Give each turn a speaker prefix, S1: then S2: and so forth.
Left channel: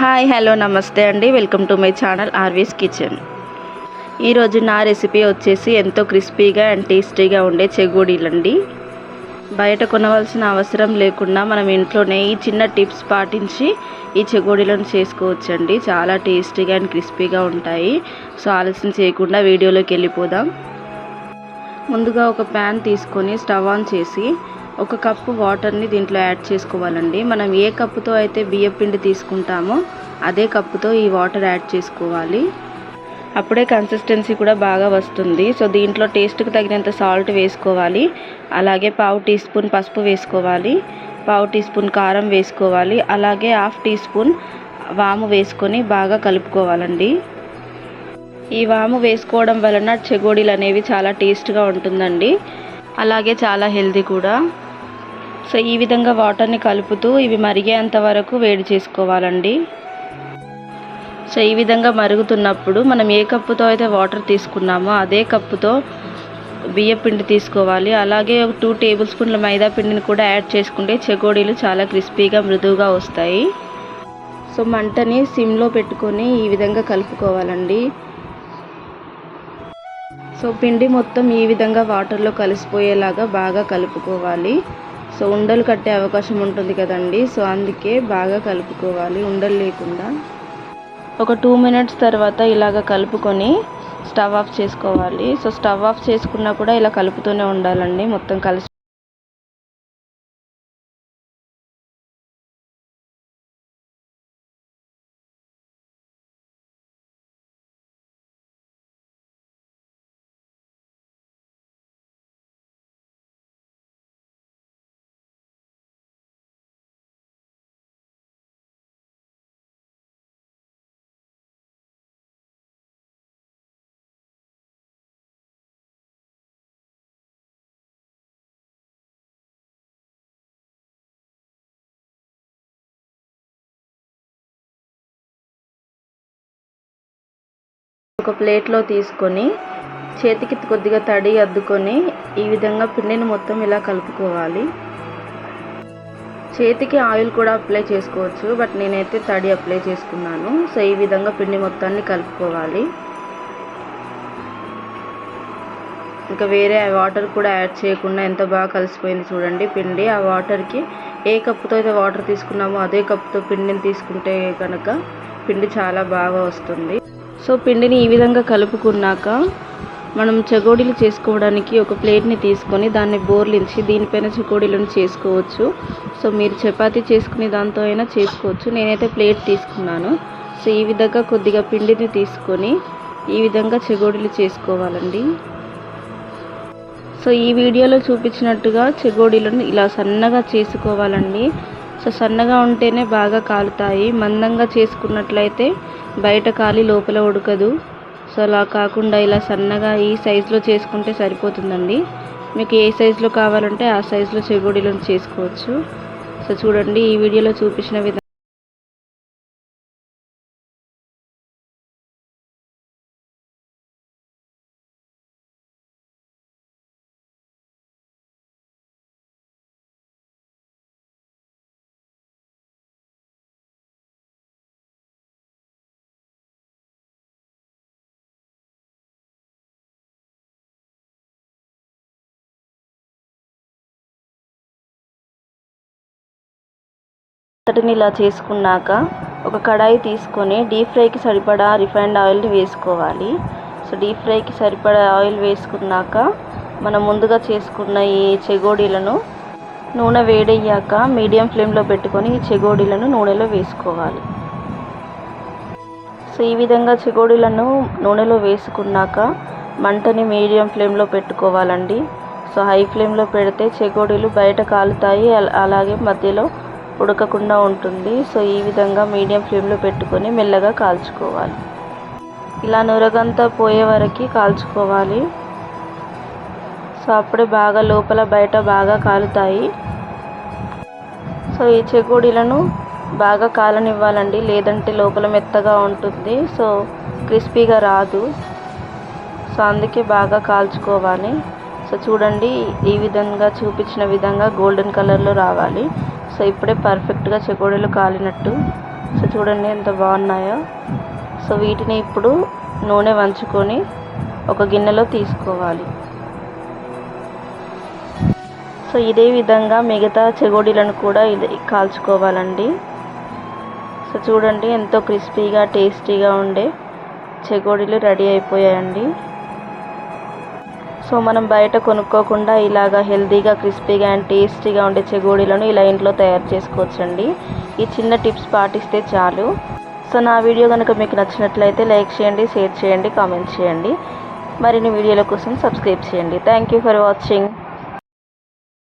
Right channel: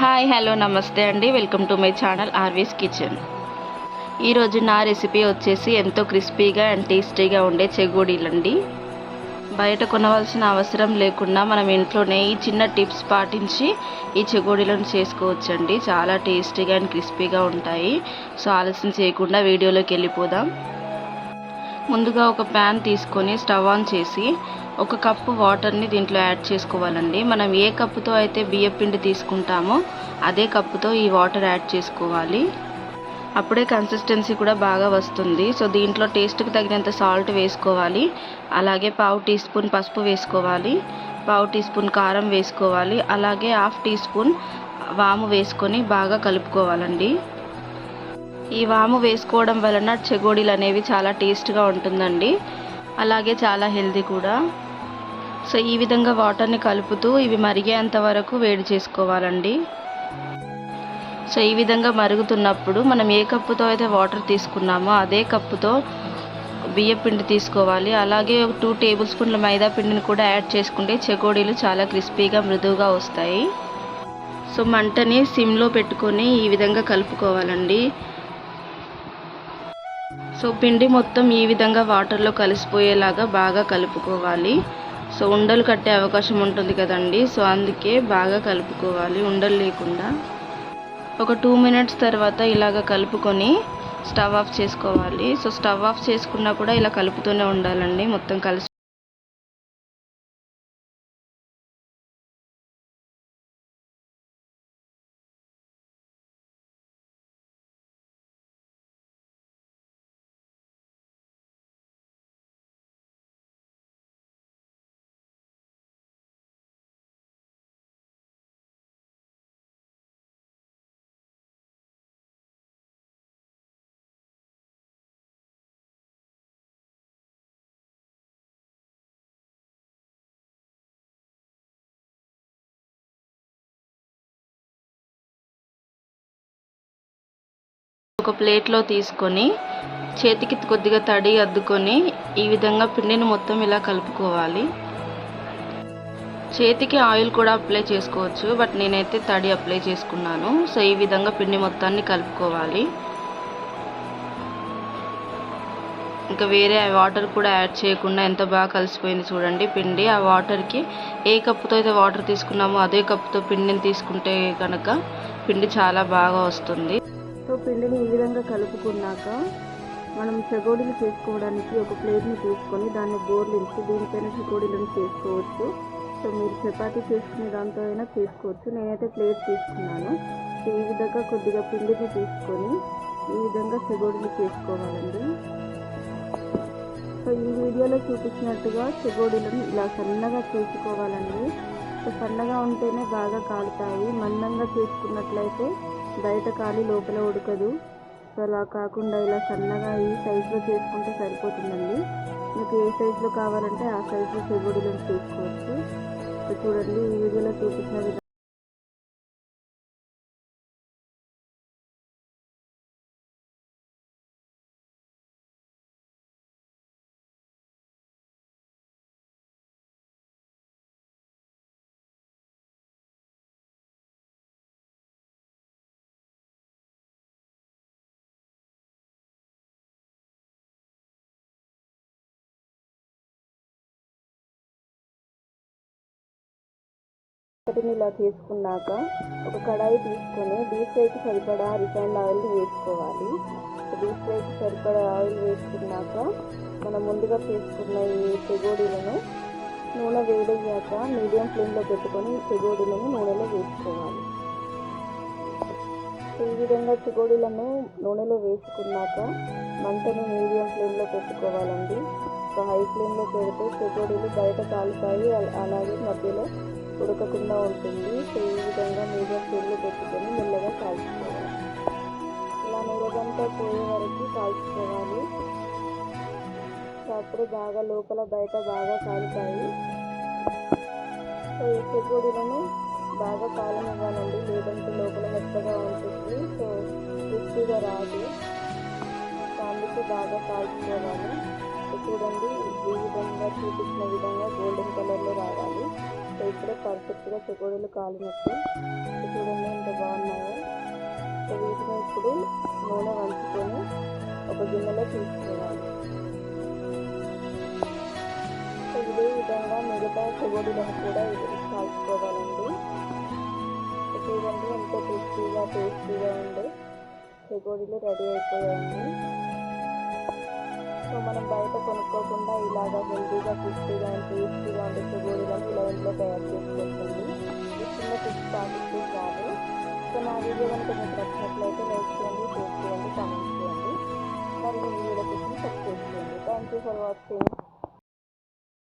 S1: Hi hello నమస్తే అండి. Welcome to my channel RV's kitchen. ఈరోజు నా రెసిపీ వచ్చేసి ఎంతో క్రిస్పీగా అండ్ టేస్టీగా ఉండే చెగోడీలండి. బయట కొనవలసిన అవసరం లేకుండా మనం ఇంట్లోనే ఈ చిన్న టిప్స్ పాటించి ఈ చెగోడీలను చేసుకోవచ్చండి. చాలా టేస్టీగా అండ్ క్రిస్పీగా ఉంటాయి. సో ఆలస్యం చేయకుండా వీడియోలోకి వెళ్ళిపోదాం. ముందుగా ఒక ప్యాన్ తీసుకొని స్టవ్ ఆన్ చేసి ఒక కప్పు వాటర్ని దీంట్లో యాడ్ చేసుకోవాలండి. మనం ఏ కప్పుతో అయితే బియ్యం పిండి తీసుకుంటామో అదే కప్పుతో ఈ వాటర్ యాడ్ చేసుకోవాలి. అప్పుడే కన్సిస్టెన్సీ కూడా బాగా వస్తుంది. సో దీంట్లో టేస్ట్కి తగినంత సాల్ట్ వేసుకోవాలి. అలాగే పావు టీ స్పూన్ పసుపు వేసుకోవాలి. పావు టీ స్పూన్ కారం వేసుకోవాలి. అలాగే హాఫ్ టీ స్పూన్ వాము వేసుకొని బాగా కలుపుకోవాలండి. ఈ వాము వేసుకోవడం వలన చెగోడీలు అనేవి చాలా టేస్ట్గా ఉంటుందండి. అలాగే చాలా హెల్తీ కూడా. సో ఈ విధంగా వాటర్ని కలుపుతూ ఇవి మరిగేంత వరకు వేడి చేసుకోవాలండి. సో ఈ విధంగా మరుగుతున్నప్పుడు మనం ఏ కప్పుతో అయితే వాటర్ తీసుకున్నామో అదే కప్పుతో బియ్య పిండి తీసుకోవాలి. అలాగే ఒక టూ టేబుల్ స్పూన్ల మైదా పిండిని కూడా యాడ్ చేసుకుంటే చెగోడీలు చాలా క్రిస్పీగా మృదువుగా వస్తాయి. సో మంటని సిమ్లో పెట్టుకొని ఈ విధంగా కలుపుకోవాలండి. సో పిండి మొత్తం ఈ విధంగా వాటర్లో కలిసిపోయేలాగా బాగా కలుపుకోవాలి. సో ఉండలు కట్టే అవకాశం ఉంటుంది కదండి. సో అందుకే బాగా కలుపుకోవాలి ఉండలు లేకుండా. ఒక టూ మినిట్స్ తర్వాత ఇలాగ కలుపుకొని స్టవ్ ఆఫ్ చేసుకోవాలి. సో స్టవ్ ఆఫ్ చేసుకున్నా కూడా ఇలా కలుపుతూనే ఉండాలండి మొత్తం కలిసి ఒక ప్లేట్లో తీసుకొని చేతికి కొద్దిగా తడి అద్దుకొని ఈ విధంగా పిండిని మొత్తం ఇలా కలుపుకోవాలి. చేతికి ఆయిల్ కూడా అప్లై చేసుకోవచ్చు బట్ నేనైతే తడి అప్లై చేసుకున్నాను. సో ఈ విధంగా పిండి మొత్తాన్ని కలుపుకోవాలి. ఇంకా వేరే వాటర్ కూడా యాడ్ చేయకుండా ఎంత బాగా కలిసిపోయింది చూడండి పిండి. ఆ వాటర్కి ఏ కప్పుతో అయితే వాటర్ తీసుకున్నామో అదే కప్పుతో పిండిని తీసుకుంటే కనుక పిండి చాలా బాగా వస్తుంది. సో పిండిని ఈ విధంగా కలుపుకున్నాక మనం చగోడీలు చేసుకోవడానికి ఒక ప్లేట్ని తీసుకొని దాన్ని బోర్లించి దీనిపైన చకోడీలను చేసుకోవచ్చు. సో మీరు చపాతీ చేసుకునే దాంతో అయినా చేసుకోవచ్చు. నేనైతే ప్లేట్ తీసుకున్నాను. సో ఈ విధంగా కొద్దిగా పిండిని తీసుకొని ఈ విధంగా చెగోడీలు చేసుకోవాలండి. సో ఈ వీడియోలో చూపించినట్టుగా చెగోడీలను ఇలా సన్నగా చేసుకోవాలండి. సో సన్నగా ఉంటేనే బాగా కాలుతాయి. మందంగా చేసుకున్నట్లయితే బయట కాలి లోపల ఉడకదు. సో అలా కాకుండా ఇలా సన్నగా ఈ సైజులో చేసుకుంటే సరిపోతుందండి. మీకు ఏ సైజులో కావాలంటే ఆ సైజులో చెగోడీలను చేసుకోవచ్చు. సో చూడండి ఈ వీడియోలో చూపించిన విధంగా అంతటిని ఇలా చేసుకున్నాక ఒక కడాయి తీసుకొని డీప్ ఫ్రైకి సరిపడా రిఫైండ్ ఆయిల్ని వేసుకోవాలి. సో డీప్ ఫ్రైకి సరిపడా ఆయిల్ వేసుకున్నాక మనం ముందుగా చేసుకున్న ఈ చెగోడీలను నూనె వేడయ్యాక మీడియం ఫ్లేమ్లో పెట్టుకొని ఈ చెగోడీలను నూనెలో వేసుకోవాలి. సో ఈ విధంగా చెగోడీలను నూనెలో వేసుకున్నాక మంటని మీడియం ఫ్లేమ్లో పెట్టుకోవాలండి. సో హై ఫ్లేమ్లో పెడితే చెగోడీలు బయట కాలుతాయి అలాగే మధ్యలో ఉడకకుండా ఉంటుంది. సో ఈ విధంగా మీడియం ఫ్లేమ్లో పెట్టుకొని మెల్లగా కాల్చుకోవాలి. ఇలా నురగంతా పోయే వరకు కాల్చుకోవాలి. సో అప్పుడే బాగా లోపల బయట బాగా కాలుతాయి. సో ఈ చెకోడీలను బాగా కాలనివ్వాలండి. లేదంటే లోపల మెత్తగా ఉంటుంది. సో క్రిస్పీగా రాదు. సో అందుకే బాగా కాల్చుకోవాలి. సో చూడండి ఈ విధంగా చూపించిన విధంగా గోల్డెన్ కలర్లో రావాలి. సో ఇప్పుడే పర్ఫెక్ట్గా చెకోడీలు కాలినట్టు. సో చూడండి ఎంత బాగున్నాయో. సో వీటిని ఇప్పుడు నూనె వంచుకొని ఒక గిన్నెలో తీసుకోవాలి. సో ఇదే విధంగా మిగతా చెగోడీలను కూడా ఇది కాల్చుకోవాలండి. సో చూడండి ఎంతో క్రిస్పీగా టేస్టీగా ఉండే చెగోడీలు రెడీ అయిపోయాయండి. సో మనం బయట కొనుక్కోకుండా ఇలాగా హెల్తీగా క్రిస్పీగా అండ్ టేస్టీగా ఉండే చెగోడీలను ఇలా ఇంట్లో తయారు చేసుకోవచ్చండి. ఈ చిన్న టిప్స్ పాటిస్తే చాలు. సో నా వీడియో కనుక మీకు నచ్చినట్లయితే లైక్ చేయండి షేర్ చేయండి కామెంట్ చేయండి. మరిన్ని వీడియోల కోసం సబ్స్క్రైబ్ చేయండి. Thank you for watching.